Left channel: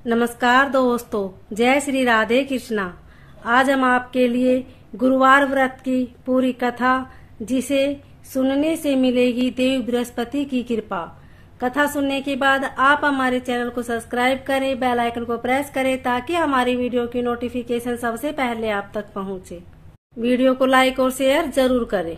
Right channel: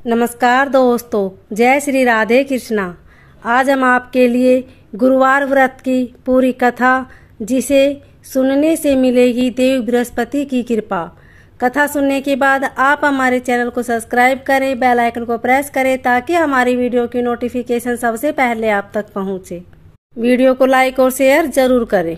नमस्कार दोस्तों, जय श्री राधे कृष्णा। आज हम आपके लिए गुरुवार व्रत की पूरी कथा, जिसे सुनने से मिलेगी देव बृहस्पति की कृपा। कथा सुनने के बाद आप हमारे चैनल को सब्सक्राइब करें, बेल आइकन को प्रेस करें ताकि हमारी वीडियो की नोटिफिकेशन सबसे पहले आप तक पहुंचे। वीडियो को लाइक और शेयर जरूर करें।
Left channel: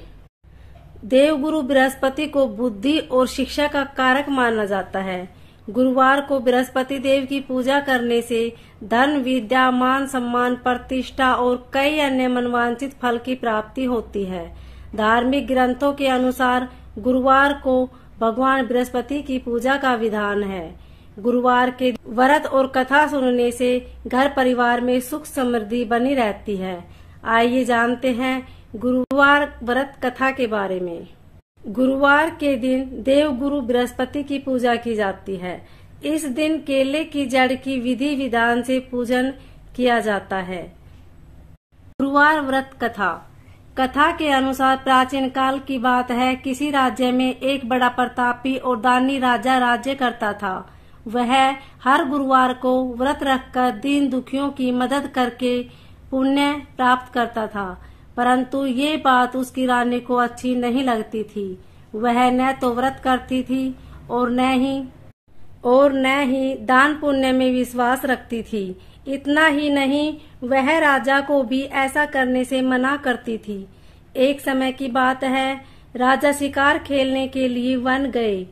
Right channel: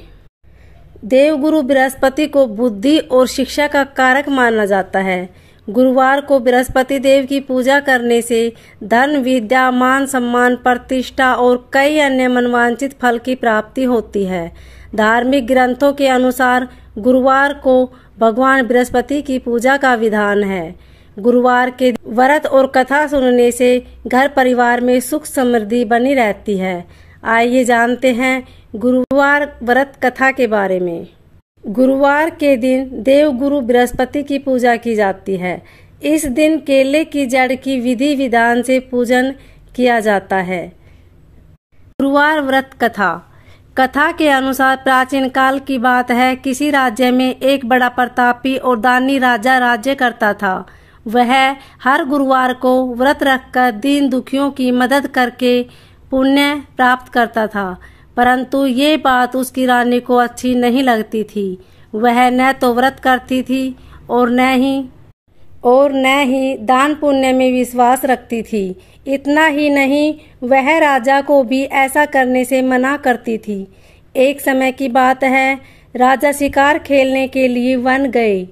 देव गुरु बृहस्पति को बुद्धि और शिक्षा का कारक माना जाता है। गुरुवार को बृहस्पति देव की पूजा करने से धन, विद्या, मान सम्मान, प्रतिष्ठा और कई अन्य मनवांछित फल की प्राप्ति होती है। धार्मिक ग्रंथों के अनुसार गुरुवार को भगवान बृहस्पति की पूजा का विधान है। गुरुवार के व्रत और कथा सुनने से घर परिवार में सुख समृद्धि बनी रहती है। आइए जानते हैं गुरुवार व्रत कथा के बारे में। गुरुवार के दिन देव गुरु बृहस्पति की पूजा की जाती है। इस दिन केले की जड़ की विधि विधान से पूजन किया जाता है। गुरुवार व्रत कथा के अनुसार प्राचीन काल की बात है। किसी राज्य में एक बड़ा प्रतापी और दानी राजा राज्य करता था। वह हर गुरुवार को व्रत रखकर दीन दुखियों की मदद करके पुण्य प्राप्त करता था, परंतु ये बात उसकी रानी को अच्छी नहीं लगती थी। वह न तो व्रत करती थी और न ही दान पुण्य में विश्वास रखती थी। इतना ही नहीं, वह राजा को भी ऐसा करने से मना करती थी। एक समय की बात है, राजा शिकार खेलने के लिए वन गए।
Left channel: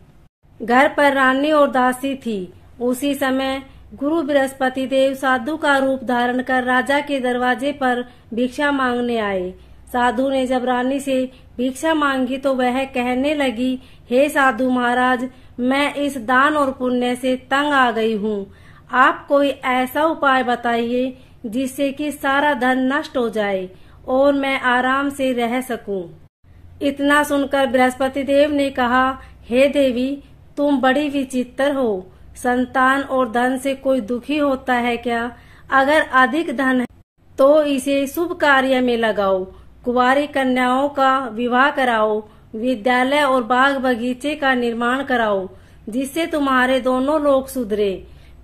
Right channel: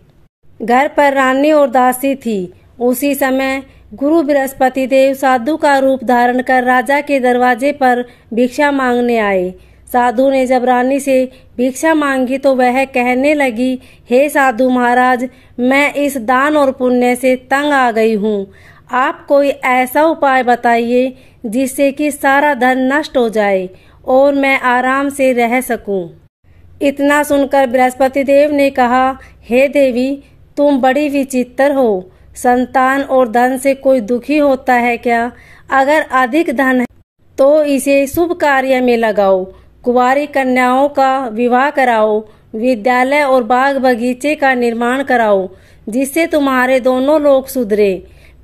घर पर रानी और दासी थी। उसी समय गुरु बृहस्पति देव साधु का रूप धारण कर राजा के दरवाजे पर भिक्षा मांगने आए। साधु ने जब रानी से भिक्षा मांगी तो वह कहने लगी, हे साधु महाराज, मैं इस दान और पुण्य से तंग आ गई हूँ। आप कोई ऐसा उपाय बताइए जिससे कि सारा धन नष्ट हो जाए और मैं आराम से रह सकूं। इतना सुनकर बृहस्पति देव ने कहा, हे देवी, तुम बड़ी विचित्र हो। संतान और धन से कोई दुखी होता है क्या? अगर अधिक धन है तो इसे शुभ कार्य में लगाओ। कुंवारी कन्याओं का विवाह कराओ। विद्यालय और बाग बगीचे का निर्माण कराओ, जिससे तुम्हारे दोनों लोग सुधरे।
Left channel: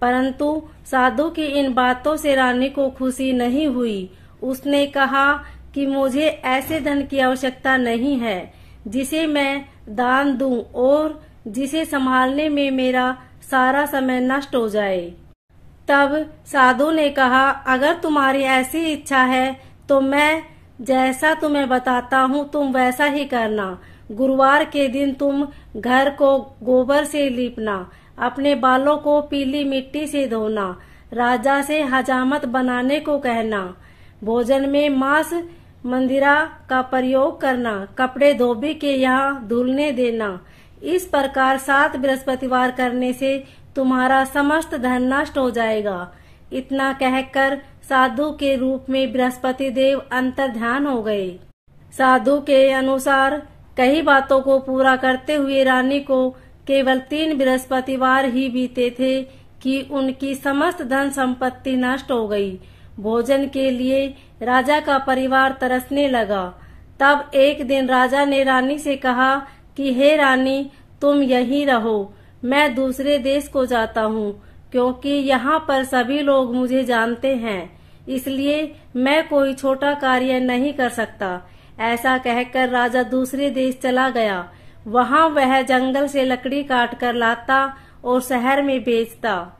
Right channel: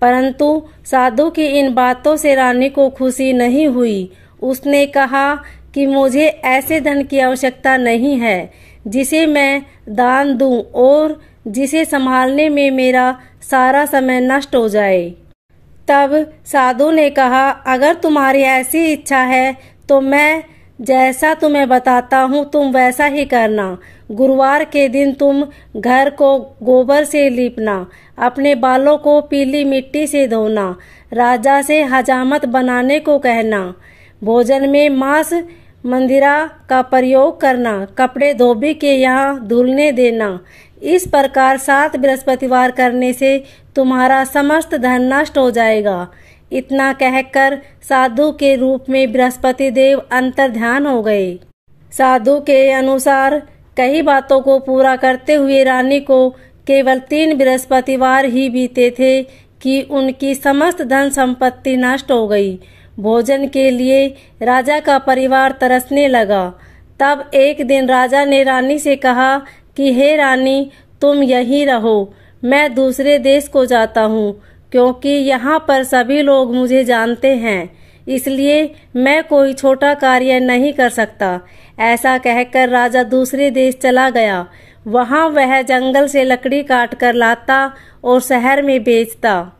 परंतु साधु की इन बातों से रानी को खुशी नहीं हुई। उसने कहा कि मुझे ऐसे धन की आवश्यकता नहीं है जिसे मैं दान दूं और जिसे संभालने में मेरा सारा समय नष्ट हो जाए। तब साधु ने कहा, अगर तुम्हारी ऐसी इच्छा है तो मैं जैसा तुम्हें बताता हूँ तुम वैसा ही करना। गुरुवार के दिन तुम घर को गोबर से लीपना, अपने बालों को पीली मिट्टी से धोना, राजा से हजामत बनाने को कहना, भोजन में मांस मंदिरा का प्रयोग करना, कपड़े धोबी के यहाँ धुलने देना। इस प्रकार 7 बृहस्पतिवार करने से तुम्हारा समस्त धन नष्ट हो जाएगा। इतना कहकर साधु के रूप में बृहस्पति देव अंतर्ध्यान हो गए। साधु के अनुसार कई बातों को पूरा करते हुए रानी को केवल 3 बृहस्पतिवार ही बीते थे कि उनकी समस्त धन संपत्ति नष्ट हो गई। भोजन के लिए राजा का परिवार तरसने लगा। तब एक दिन राजा ने रानी से कहा कि हे रानी, तुम यहीं रहो, मैं दूसरे देश को जाता हूँ, क्योंकि यहाँ पर सभी लोग मुझे जानते हैं, इसलिए मैं कोई छोटा कार्य नहीं कर सकता। ऐसा कहकर राजा दूसरे देश चला गया। वहाँ वह जंगल से लकड़ी काट कर लाता और शहर में बेचता।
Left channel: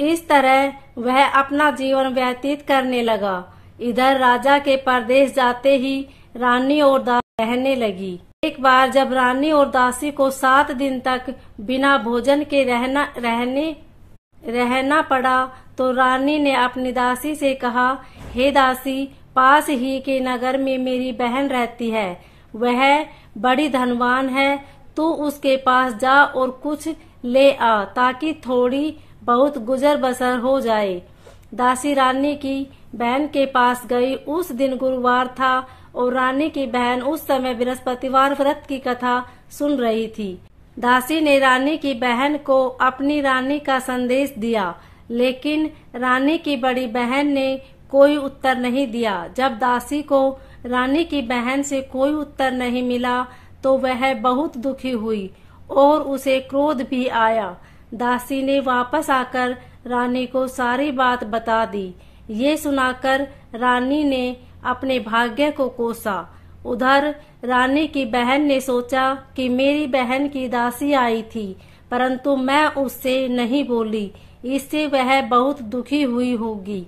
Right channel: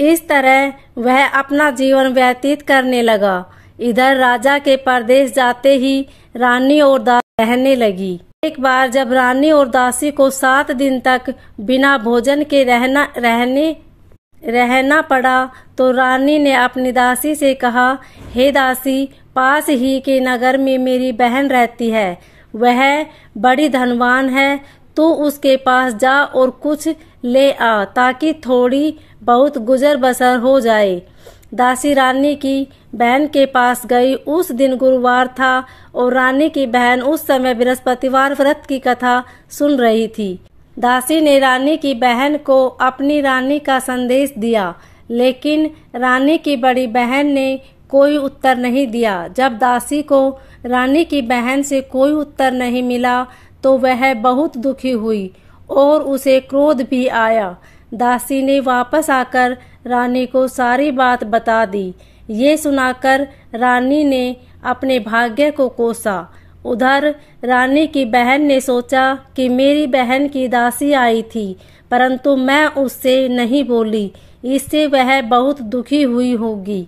इस तरह वह अपना जीवन व्यतीत करने लगा। इधर राजा के परदेश जाते ही रानी और दासी रहने लगी। एक बार जब रानी और दासी को 7 दिन तक बिना भोजन के रहना पड़ा तो रानी ने अपनी दासी से कहा, हे दासी, पास ही के नगर में मेरी बहन रहती है। वह बड़ी धनवान है। तू उसके पास जा और कुछ ले आ ताकि थोड़ी बहुत गुजर बसर हो जाए। दासी रानी की बहन के पास गई। उस दिन गुरुवार था और रानी की बहन उस समय बृहस्पतिवार व्रत की कथा सुन रही थी। दासी ने रानी की बहन को अपनी रानी का संदेश दिया, लेकिन रानी की बड़ी बहन ने कोई उत्तर नहीं दिया। जब दासी को रानी की बहन से कोई उत्तर नहीं मिला तो वह बहुत दुखी हुई और उसे क्रोध भी आया। दासी ने वापस आकर रानी को सारी बात बता दी। ये सुनाकर रानी ने अपने भाग्य को कोसा। उधर रानी की बहन ने सोचा कि मेरी बहन की दासी आई थी, परंतु मैं उससे नहीं बोली, इससे वह बहुत दुखी हुई होगी।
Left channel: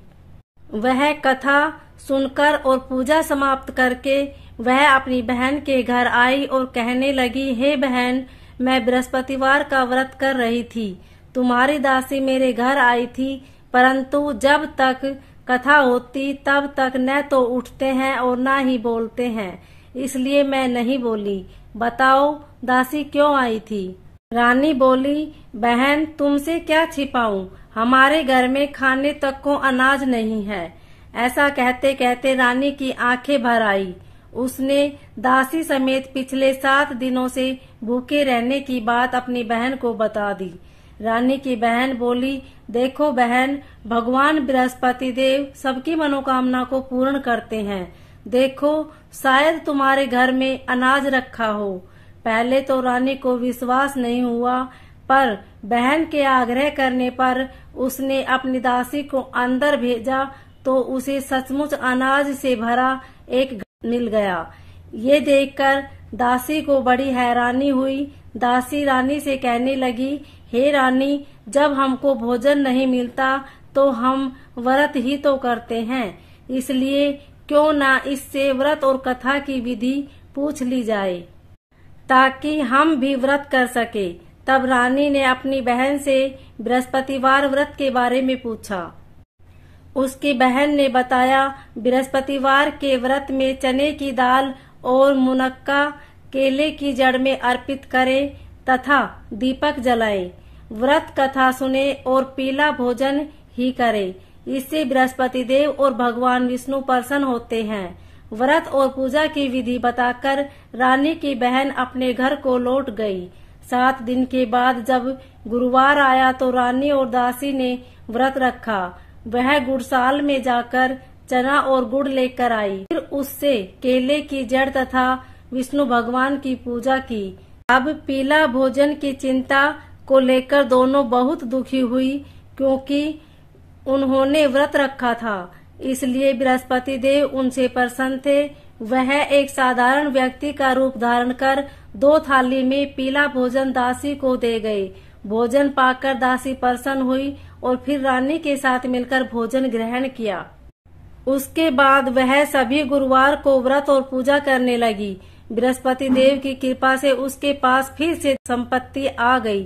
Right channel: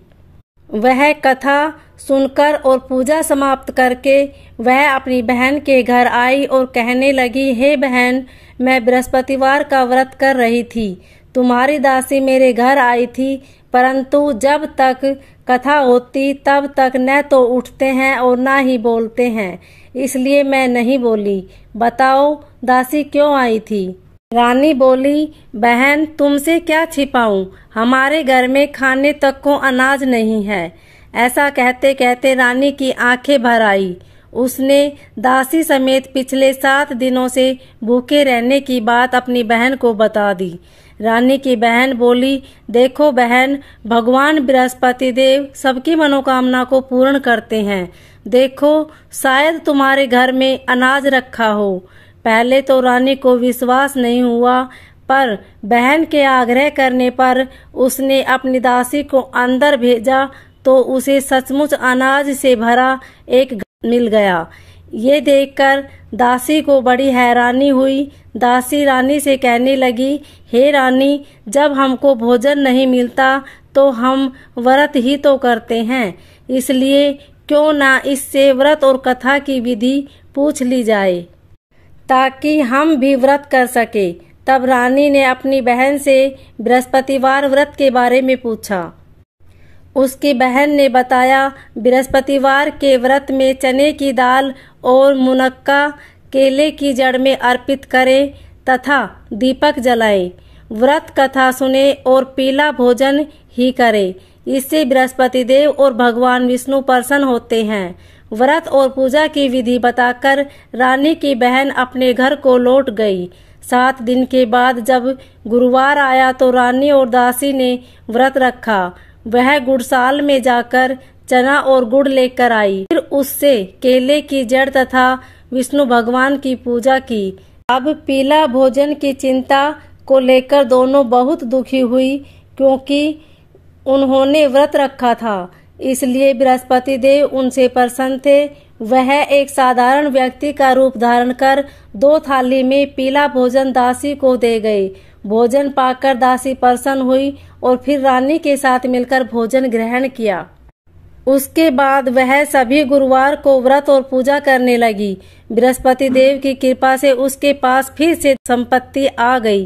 वह कथा सुनकर और पूजा समाप्त करके वह अपनी बहन के घर आई और कहने लगी, हे बहन, मैं बृहस्पतिवार का व्रत कर रही थी। तुम्हारी दासी मेरे घर आई थी, परंतु जब तक कथा होती तब तक न तो उठते हैं और न ही बोलते हैं, इसलिए मैं नहीं बोली। बताओ दासी क्यों आई थी? रानी बोली, बहन तुमसे क्या छिपाऊं, हमारे घर में खाने तक को अनाज नहीं है। ऐसा कहते कहते रानी की आंखें भर आई। उसने दासी समेत पिछले 7 दिनों से भूखे रहने की बात अपनी बहन को बता दी। रानी की बहन बोली, देखो बहन, भगवान बृहस्पति देव सबकी मनोकामना को पूर्ण करते हैं। देखो शायद तुम्हारे घर में अनाज रखा हो। पहले तो रानी को विश्वास नहीं हुआ, पर बहन के आग्रह करने पर उसने अपनी दासी को अंदर भेजा तो उसे सचमुच अनाज से भरा एक मिल गया। ये देखकर दासी को बड़ी हैरानी हुई। दासी रानी से कहने लगी, हे रानी, जब हमको भोजन नहीं मिलता तो हम व्रत ही तो करते हैं, इसलिए क्यों ना इससे व्रत और कथा की विधि पूछ ली जाए ताकि हम भी व्रत कर सके। तब रानी ने अपनी बहन से बृहस्पतिवार व्रत के बारे में पूछा। उसकी बहन ने बताया, बृहस्पतिवार के व्रत में चने की दाल और मुनक्का केले की जड़ में अर्पित करें तथा दीपक जलाएं। व्रत कथा सुने और पीला भोजन ही करें, इससे बृहस्पति देव और भगवान विष्णु प्रसन्न होते हैं। व्रत और पूजा की विधि बताकर रानी की बहन अपने घर को लौट गई। 7 दिन के बाद जब गुरुवार आया तो रानी और दासी ने व्रत रखा। वह गुड़साल में जाकर चना और गुड़ लेकर आई, फिर उससे केले की जड़ तथा विष्णु भगवान की पूजा की। अब पीला भोजन की चिंता को लेकर दोनों बहुत दुखी हुई, क्योंकि उन्होंने व्रत रखा था, इसलिए बृहस्पति देव उनसे प्रसन्न थे। वह एक साधारण व्यक्ति का रूप धारण कर 2 थाली में पीला भोजन दासी को दे गए। भोजन पाकर दासी प्रसन्न हुई और फिर रानी के साथ मिलकर भोजन ग्रहण किया। उसके बाद वह सभी गुरुवार को व्रत और पूजा करने लगी। बृहस्पति देव की कृपा से उसके पास फिर से संपत्ति आ गई,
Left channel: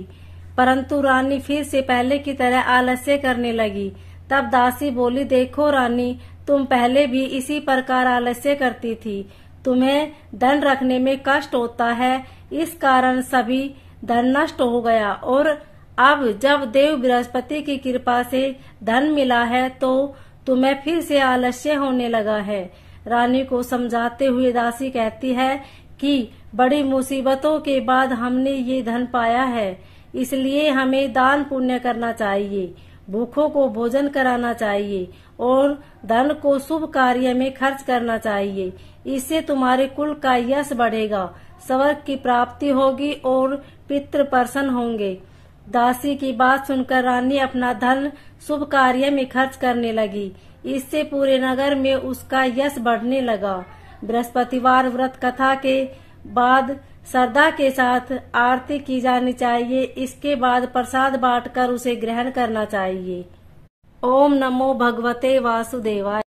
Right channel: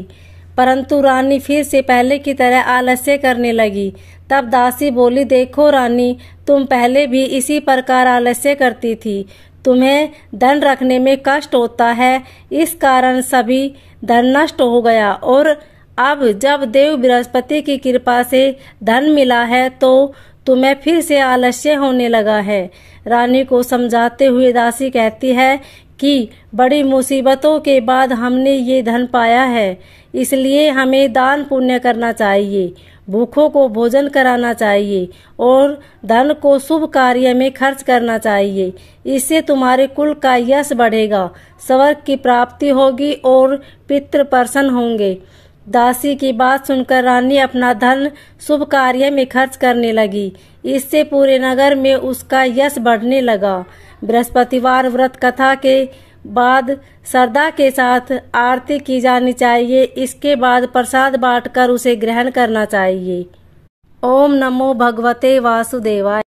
परंतु रानी फिर से पहले की तरह आलस्य करने लगी। तब दासी बोली, देखो रानी, तुम पहले भी इसी प्रकार आलस्य करती थी। तुम्हें धन रखने में कष्ट होता है, इस कारण सभी धन नष्ट हो गया, और अब जब देव बृहस्पति की कृपा से धन मिला है तो तुम्हें फिर से आलस्य होने लगा है। रानी को समझाते हुए दासी कहती है कि बड़ी मुसीबतों के बाद हमने ये धन पाया है, इसलिए हमें दान पुण्य करना चाहिए, भूखों को भोजन कराना चाहिए और धन को शुभ कार्य में खर्च करना चाहिए। इससे तुम्हारे कुल का यश बढ़ेगा, स्वर्ग की प्राप्ति होगी और पितृ प्रसन्न होंगे। दासी की बात सुनकर रानी अपना धन शुभ कार्य में खर्च करने लगी। इससे पूरे नगर में उसका यश बढ़ने लगा। बृहस्पतिवार व्रत कथा के बाद श्रद्धा के साथ आरती की जानी चाहिए। इसके बाद प्रसाद बांटकर उसे ग्रहण करना चाहिए। ओम नमो भगवते वासुदेवाय।